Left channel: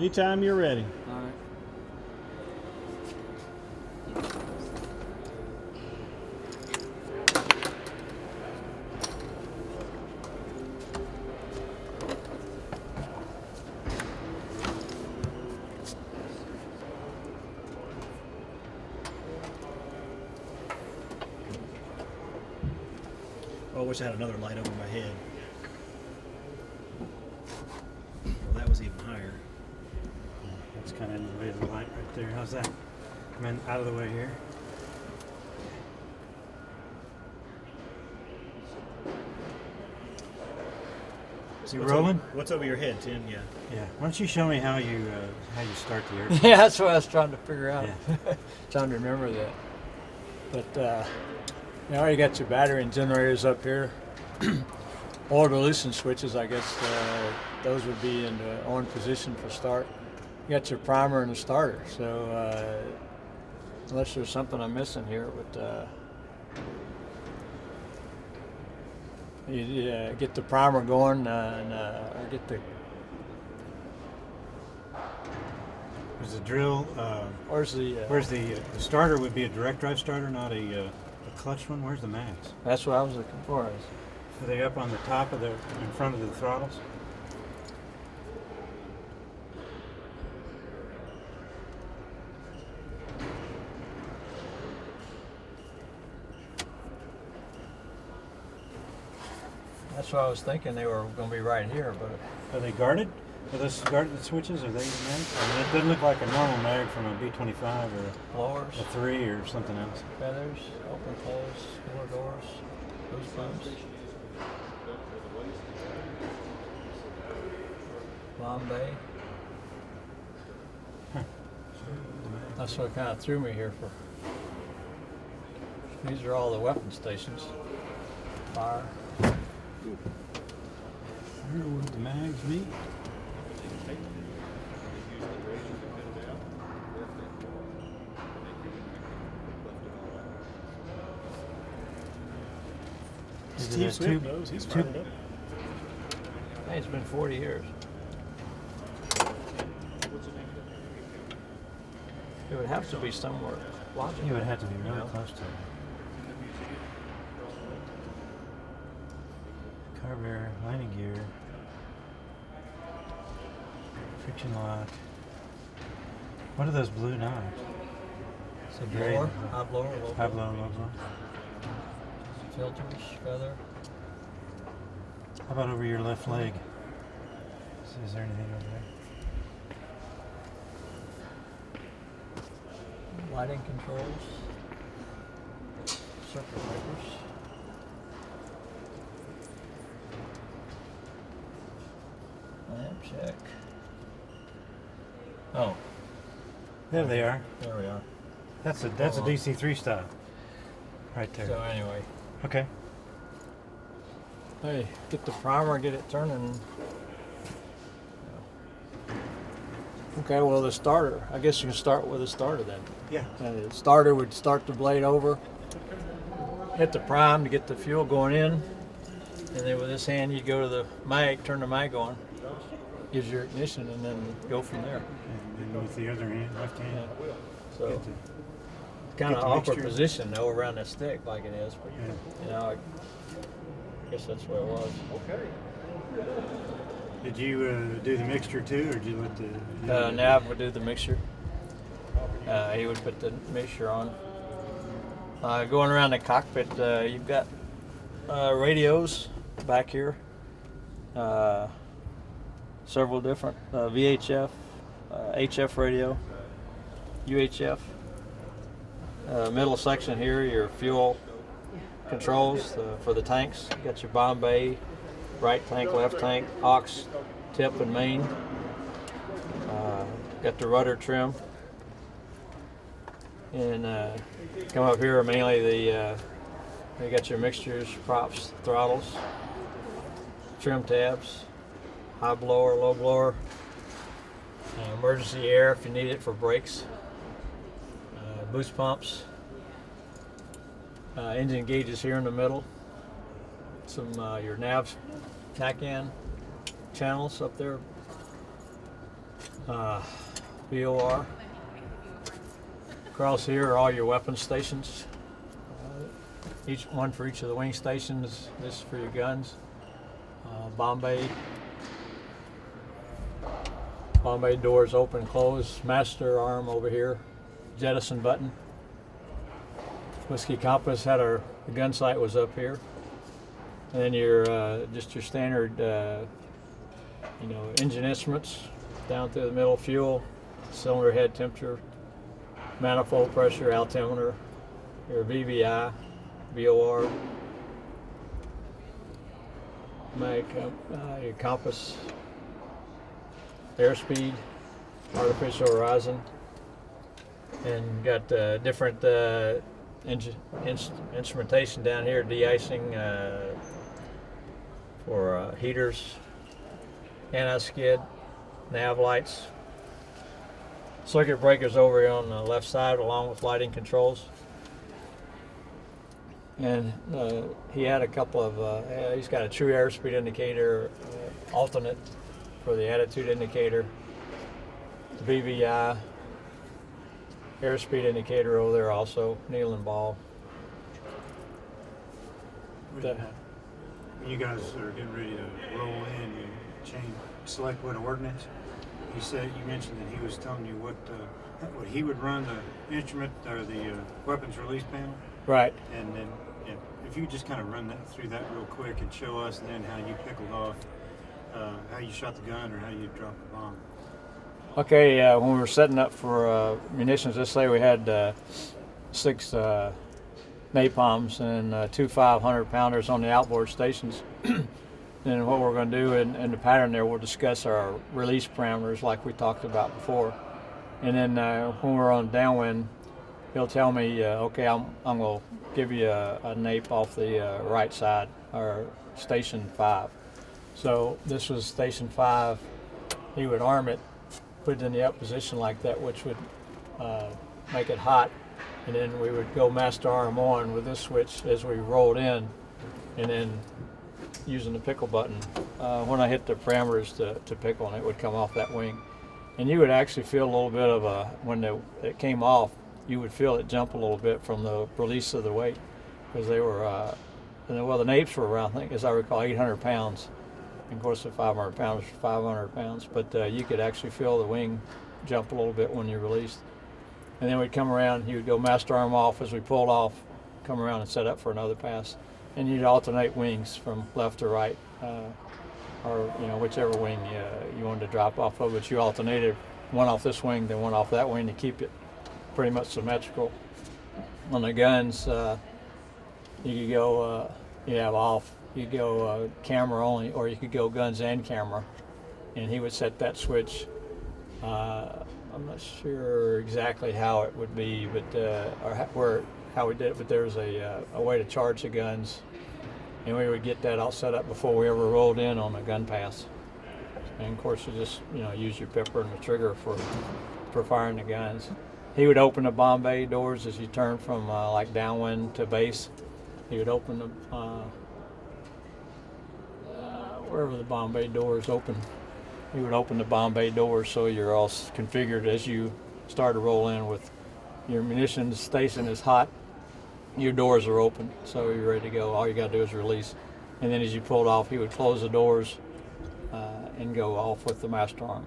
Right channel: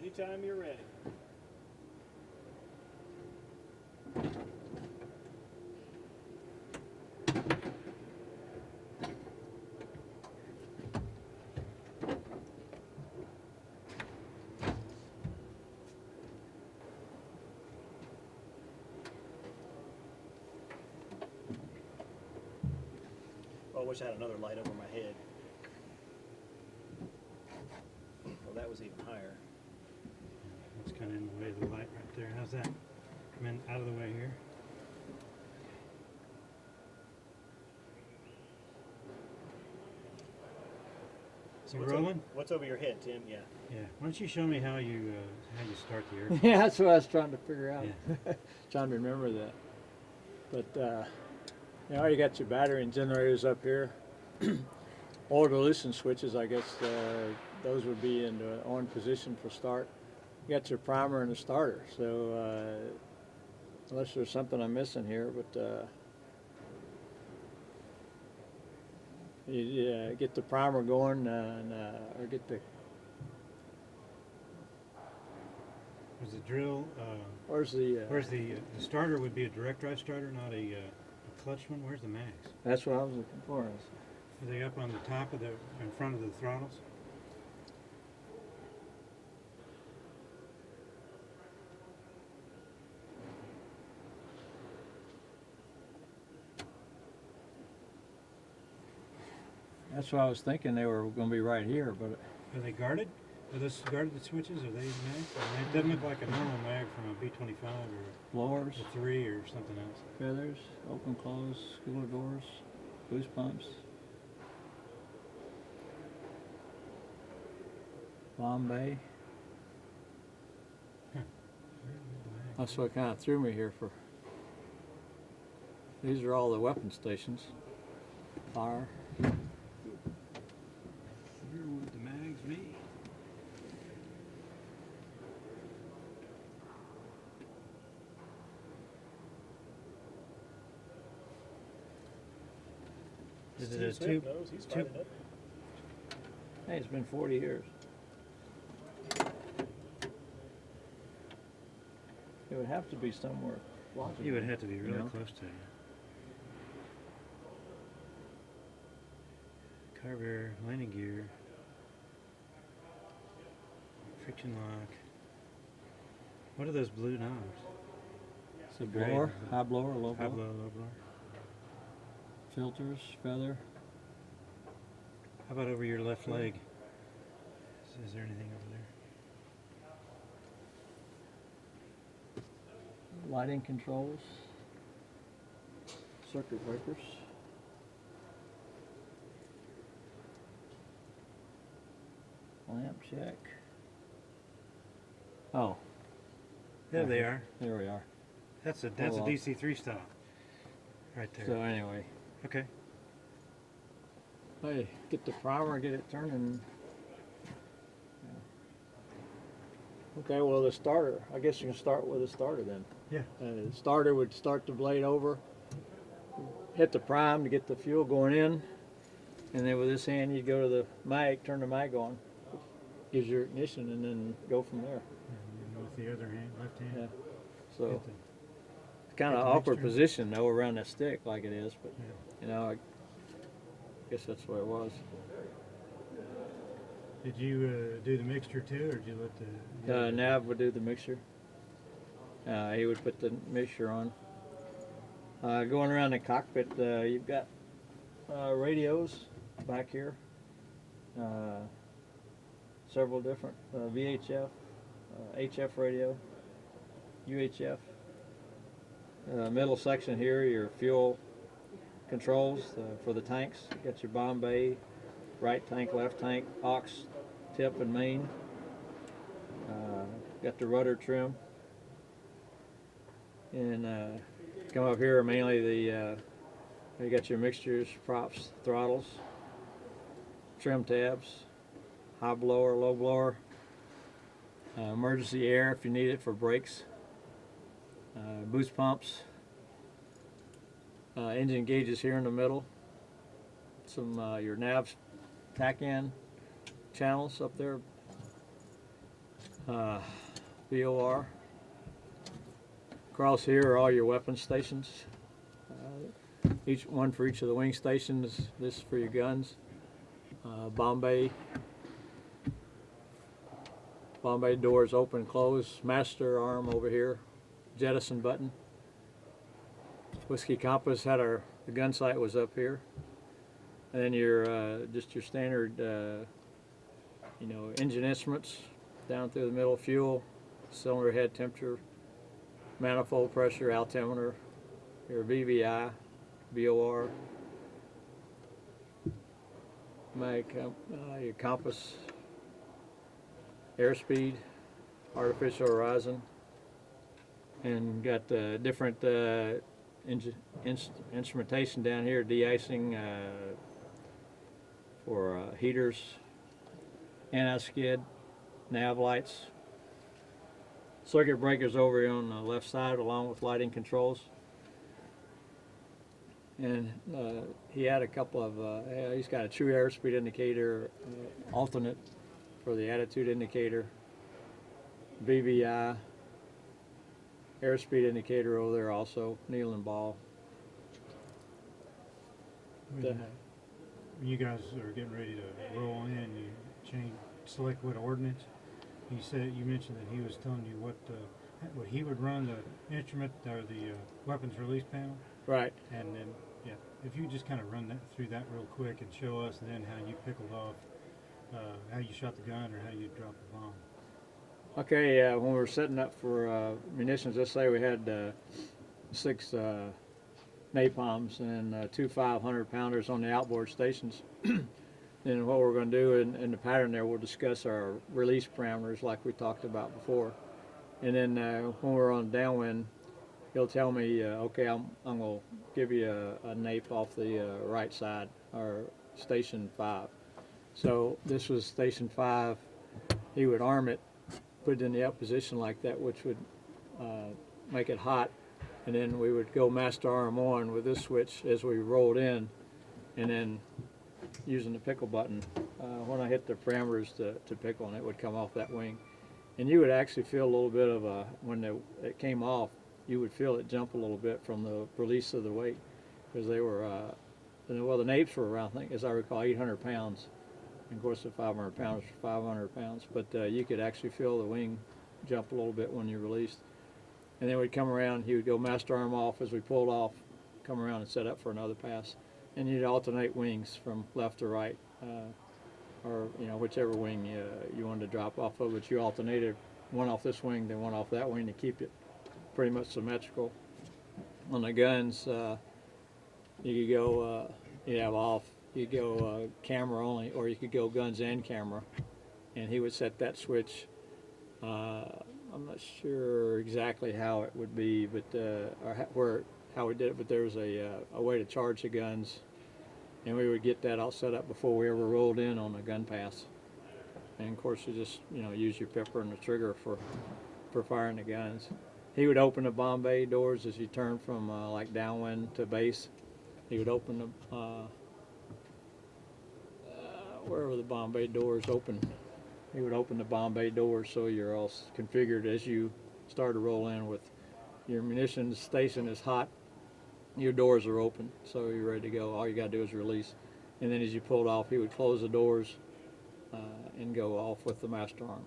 Anytime you're ready. All right. Oh, I wish I had another light over my head. Well, that was even higher. It's kind of in the way of the light right there. How's that? Come in out of the way here. So You what's rolling? What's over your head, Tim? Yeah. Yeah. Why don't you show me how you start the airplane? Yeah, that's what I was trying to figure out. Yeah. Trying to remember that. But you already got your battery and generators up here. Oil releasing switches, I guess those would be in the on position for start. You got your primer and the starter. So unless there's something I'm missing here, but you get the primer going or get the. There's a drill. Where's the? Where's the starter? Would be a direct drive starter, not a clutch one. Where's the mags? That's what I was looking for. Are they up on the top of in front of the throttles? That's what I was thinking. They were going to be right here, but. Are they guarded? Are those guarded switches? Are they even mags? I mean, it doesn't look like a normal mag from a B25 or Blowers, a 3 or something else. feathers, open, close, cooler doors, boost pumps, Bombay. Huh. That's what kind of threw me here for. These are all the weapon stations. Fire. I wonder what the mags be. Steve Smith knows. He's fired it up. Hey, it's been 40 years. It would have to be somewhere. You would have to be really close to it. Carburetor, landing gear, friction lock. What are those blue knobs? It's a Great. blower, high blower, low High blower, blow, low blow. filters, feather. How about over your left leg? Is there anything over there? Lighting controls, circuit breakers, lamp check. Oh, There they are. there we are. That's a Oh, well. DC3 style. Right there. So anyway, Okay. hey, get the primer, get it turning. Okay, well the starter. I guess you can start with a starter then. Yeah. The starter would start the blade over, hit the prime to get the fuel going in, and then with this hand you go to the mag, turn the mag on, gives your ignition, and then go from there. And with the other hand, left hand, Yeah. So get the, kind of the awkward mixture. position though around the stick like it is. But, yeah. you know, I guess that's what it was. Did you do the mixture too, or did you let the? Nav would do the mixture. He would put the mixture on. Going around the cockpit, you've got radios back here. Several different VHF, HF radio, UHF. Middle section here, your fuel controls for the tanks. You got your Bombay, right tank, left tank, aux, tip, and main. Got the rudder trim. And come up here, mainly you got your mixtures, props, throttles, trim tabs, high blower, low blower, emergency air if you need it for brakes, boost pumps, engine gauges here in the middle, some your nav tack-in channels up there, VOR. Across here are all your weapon stations. Each one for each of the wing stations. This is for your guns. Bombay. Bombay doors open, close. Master arm over here. Jettison button. Whiskey compass had the gun sight was up here. And then your just your standard engine instruments down through the middle, fuel, cylinder head temperature, manifold pressure, altimeter, your VVI, VOR, your compass, airspeed, artificial horizon, and got different instrumentation down here, de-icing for heaters, anti-skid, nav lights, circuit breakers over here on the left side along with lighting controls. And he had a couple of, he's got a true airspeed indicator, alternate for the attitude indicator, VVI, airspeed indicator over there also, needle and ball. When you guys are getting ready to roll in and select what ordnance, you mentioned that he was telling you what he would run the instrument or the weapons release panel. Right. And then if you could just kind of run through that real quick and show us then how you pickled off, how you shot the gun or how you dropped the bomb. Okay, when we were setting up for munitions, let's say we had 6 napalms and 2 500-pounders on the outboard stations. Then what we're going to do in the pattern there, we'll discuss our release parameters like we talked about before. And then when we're on downwind, he'll tell me, okay, I'm going to give you a nape off the right side, or station 5. So this was station 5. He would arm it, put it in the up position like that, which would make it hot. And then we would go master arm on with this switch as we rolled in, and then using the pickle button, when I hit the parameters to pickle, and it would come off that wing. And you would actually feel a little bit of when it came off, you would feel it jump a little bit from the release of the weight, because they were, the napes were around, I think, as I recall, 800 pounds. And of course, the 500 pounds, 500 pounds, but you could actually feel the wing jump a little bit when you released. And then we'd come around, he would go master arm off as we pulled off, come around and set up for another pass. And you'd alternate wings from left to right, or whichever wing you wanted to drop off of, but you alternated one off this wing, then one off that wing to keep it pretty much symmetrical. On the guns, you could go, you have off, you could go camera only, or you could go guns and camera, and he would set that switch. I'm not sure exactly how it would be, but how we did it, but there was a way to charge the guns, and we would get that all set up before we ever rolled in on the gun pass. And of course, you just use your pepper and the trigger for firing the guns. He would open the bomb bay doors as you turn from like downwind to base. He would open the wherever the bomb bay doors open. He would open the bomb bay doors so you're all configured as you start to roll in with your munitions station is hot. Your doors are open, so you're ready to go. All you got to do is release. And then as you pulled off, he would close the doors and go off with the master arm.